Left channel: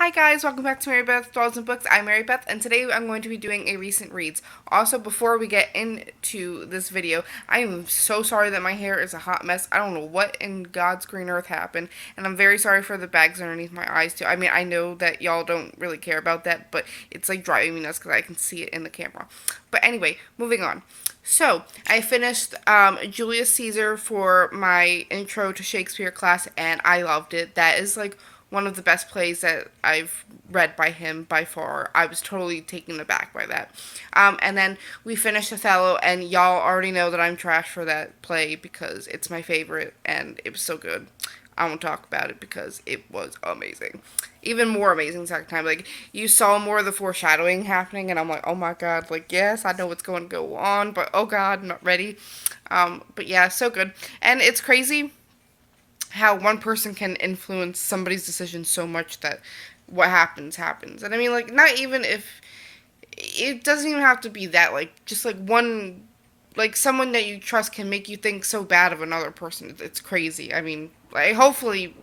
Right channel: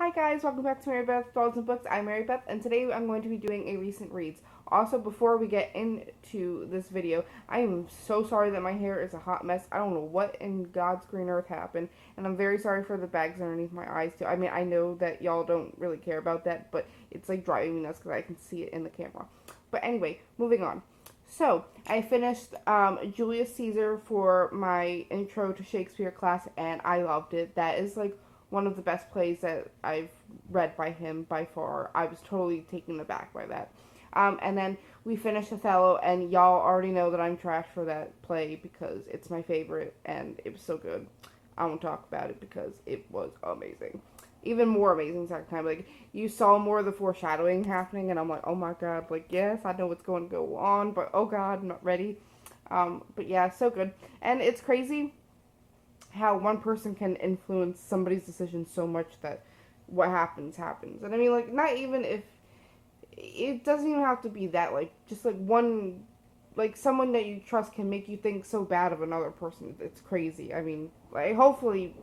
Hi guys, welcome back to Mary Beth Dolls and Books. I'm Mary Beth, and today I'm going to be doing a recent reads. Also, before we get into this video, I am so sorry that my hair is a hot mess. I don't know what in God's green earth happened, and I'm very sorry for the bags underneath my eyes too. I mean, I know that y'all don't really care about that, but it's like driving me nuts because I can see it in the camera. But anyway, moving on. So, I finished Julius Caesar for my intro to Shakespeare class, and I loved it. That is like one of the best plays that I've read by him by far. I was totally taken aback by that. And then we finished Othello, and y'all already know that I'm trash for that play because it's my favorite, and it was so good. I won't talk about it because it was amazing. Even more amazing second time. Like, you saw more of the foreshadowing happening, and I'm like, oh my god, like, yes, I know what's going to go on, but oh god, I'm not ready. But yeah, so good. And it's crazy how one person can influence somebody's decision so much that what happens happens. And I mean, like, not even if it doesn't even have to be that, like, just like one, like, someone that you trust can make you think so bad of another person. It's crazy. I mean, like, hopefully,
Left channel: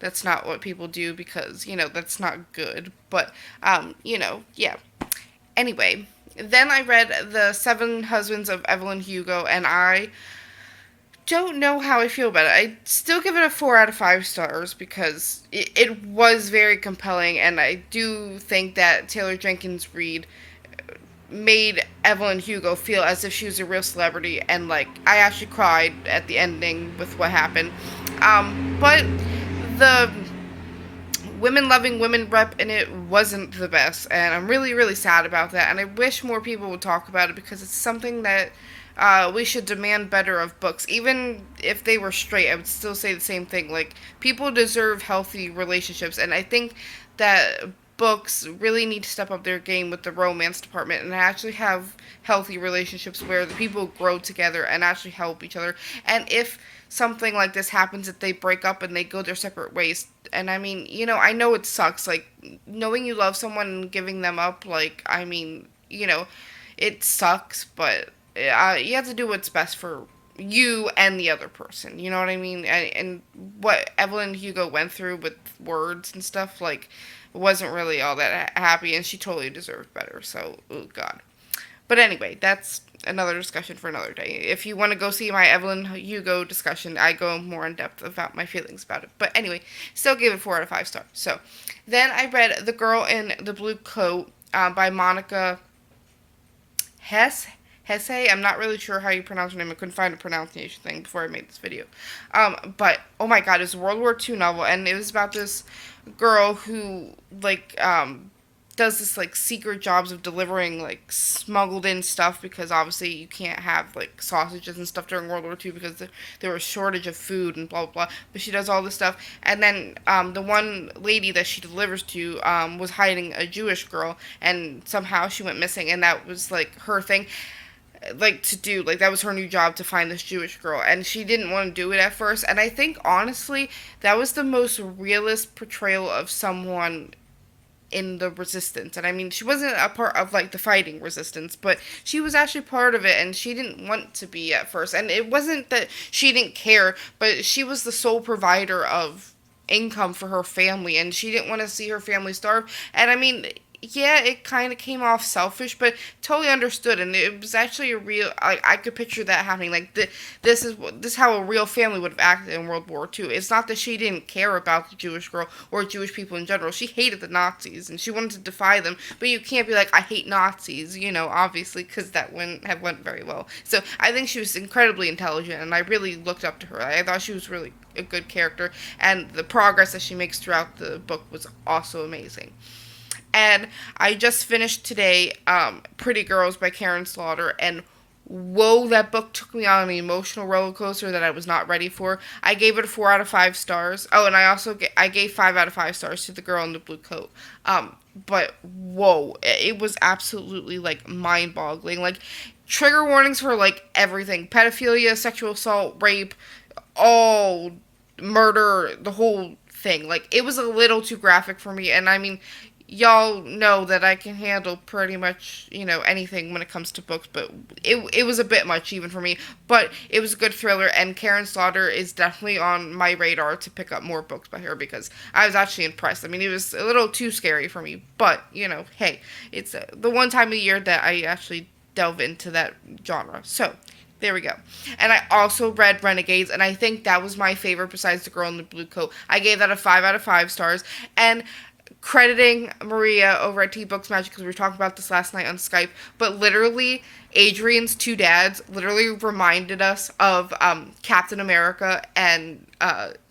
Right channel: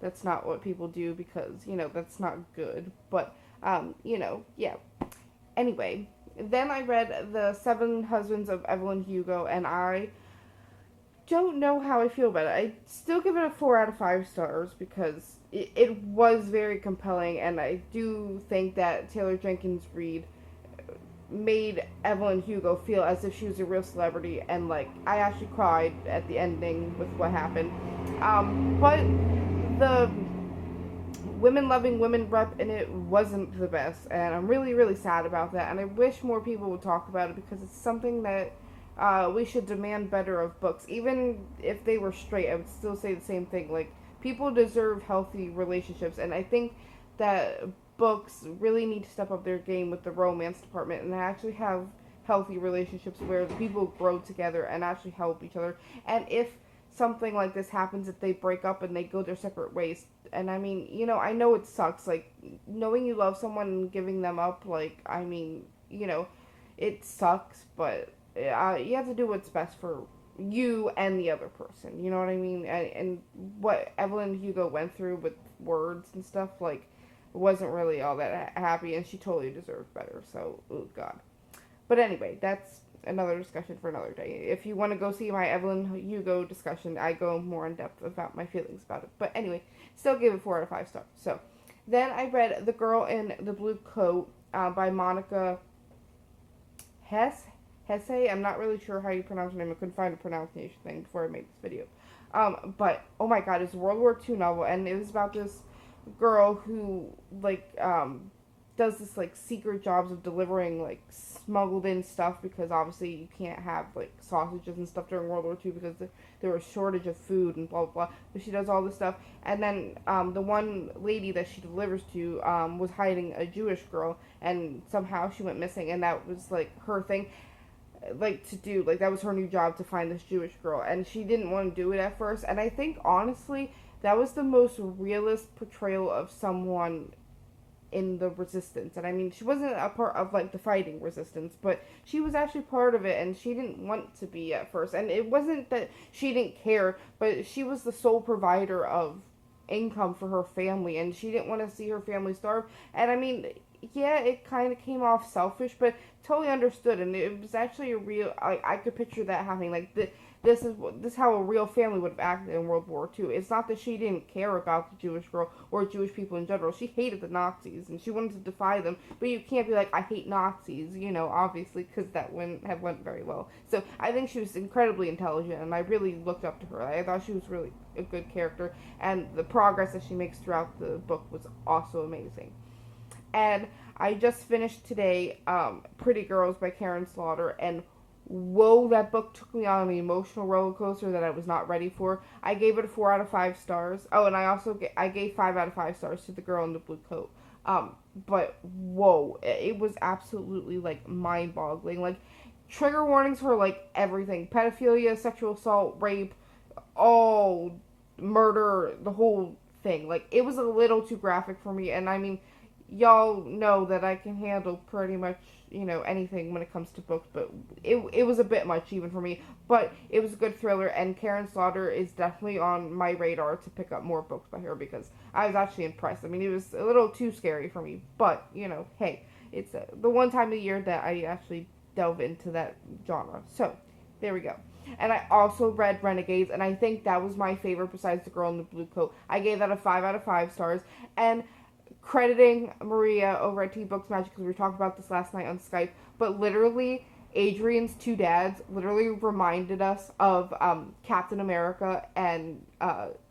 that's not what people do because, that's not good. But, yeah. Anyway, then I read The Seven Husbands of Evelyn Hugo, and I don't know how I feel about it. I still give it a 4 out of 5 stars because it was very compelling, and I do think that Taylor Jenkins Reid made Evelyn Hugo feel as if she was a real celebrity, and like I actually cried at the ending with what happened. But the women loving women rep in it wasn't the best, and I'm really really sad about that, and I wish more people would talk about it because it's something that we should demand better of books. Even if they were straight, I would still say the same thing. Like, people deserve healthy relationships, and I think that books really need to step up their game with the romance department and actually have healthy relationships where the people grow together and actually help each other. And if something like this happens, that they break up and they go their separate ways. And I mean, I know it sucks. Like, knowing you love someone and giving them up, like, I mean, it sucks, but you have to do what's best for you and the other person. You know what I mean? And what Evelyn Hugo went through with words and stuff, like, wasn't really all that happy, and she totally deserved better. So, oh god. But anyway, that's another discussion for another day. If you want to go see my Evelyn Hugo discussion, I go more in depth about my feelings about it. But anyway, still give it 4 out of 5 stars. So then I read The Girl in the Blue Coat by Monica Hess. Hesse. I'm not really sure how you pronounce her name. I couldn't find a pronunciation thing before I made this video. But oh my god, it's a World War II novel, and it was about this girl who does this like secret jobs of delivering like smuggled in stuff because obviously you can't have like sausages and stuff during World War II because there was a shortage of food and blah blah blah. But she does all this stuff, and then the one lady that she delivers to was hiding a Jewish girl, and somehow she went missing, and that was like her thing, like, to do, like, that was her new job, to find this Jewish girl, and she didn't want to do it at first. And I think honestly that was the most realist portrayal of someone in the resistance. And I mean, she wasn't a part of like the fighting resistance, but she was actually part of it, and she didn't want to be at first. And it wasn't that she didn't care, but she was the sole provider of income for her family, and she didn't want to see her family starve. And I mean, yeah, it kind of came off selfish, but totally understood, and it was actually a real. I could picture that happening. Like, this is how a real family would have acted in World War II. It's not that she didn't care about the Jewish girl or Jewish people in general. She hated the Nazis and she wanted to defy them. But you can't be like, I hate Nazis, obviously, because that wouldn't have went very well. So I think she was incredibly intelligent, and I really looked up to her. I thought she was really a good character, and the progress that she makes throughout the book was also amazing. And I just finished today Pretty Girls by Karen Slaughter, and whoa, that book took me on an emotional roller coaster that I was not ready for. I gave it a 4 out of 5 stars. Oh, and I gave 5 out of 5 stars to The Girl in the Blue Coat. But whoa, it was absolutely like mind-boggling. Like, trigger warnings for like everything: pedophilia, sexual assault, rape, all murder, the whole thing. Like, it was a little too graphic for me, and I mean, y'all know that I can handle pretty much, anything when it comes to books, but it was a bit much even for me. But it was a good thriller, and Karen Slaughter is definitely on my radar to pick up more books by her because I was actually impressed. I mean, it was a little too scary for me, but, hey, it's the one time a year that I actually delve into that genre. So, there we go. And I also read Renegades, and I think that was my favorite besides The Girl in the Blue Coat. I gave that a 5 out of 5 stars. And crediting Maria over at T Books Magic because we were talking about this last night on Skype, but literally Adrian's two dads literally reminded us of Captain America and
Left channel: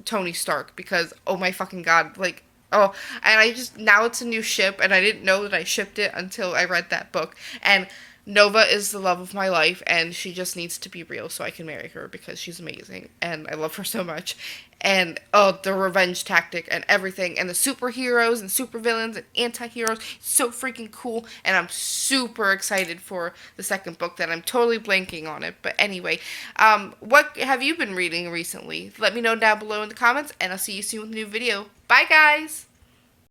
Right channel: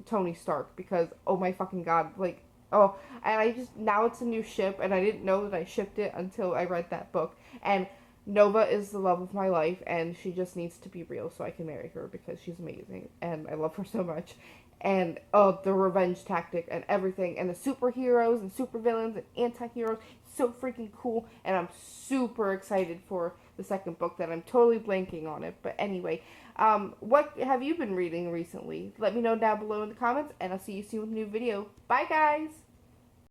Tony Stark because oh my fucking god, like oh, and I just now it's a new ship and I didn't know that I shipped it until I read that book and Nova is the love of my life, and she just needs to be real so I can marry her because she's amazing, and I love her so much. And oh, the revenge tactic and everything, and the superheroes and supervillains and anti-heroes, so freaking cool. And I'm super excited for the second book that I'm totally blanking on it. But anyway, what have you been reading recently? Let me know down below in the comments, and I'll see you soon with a new video. Bye, guys!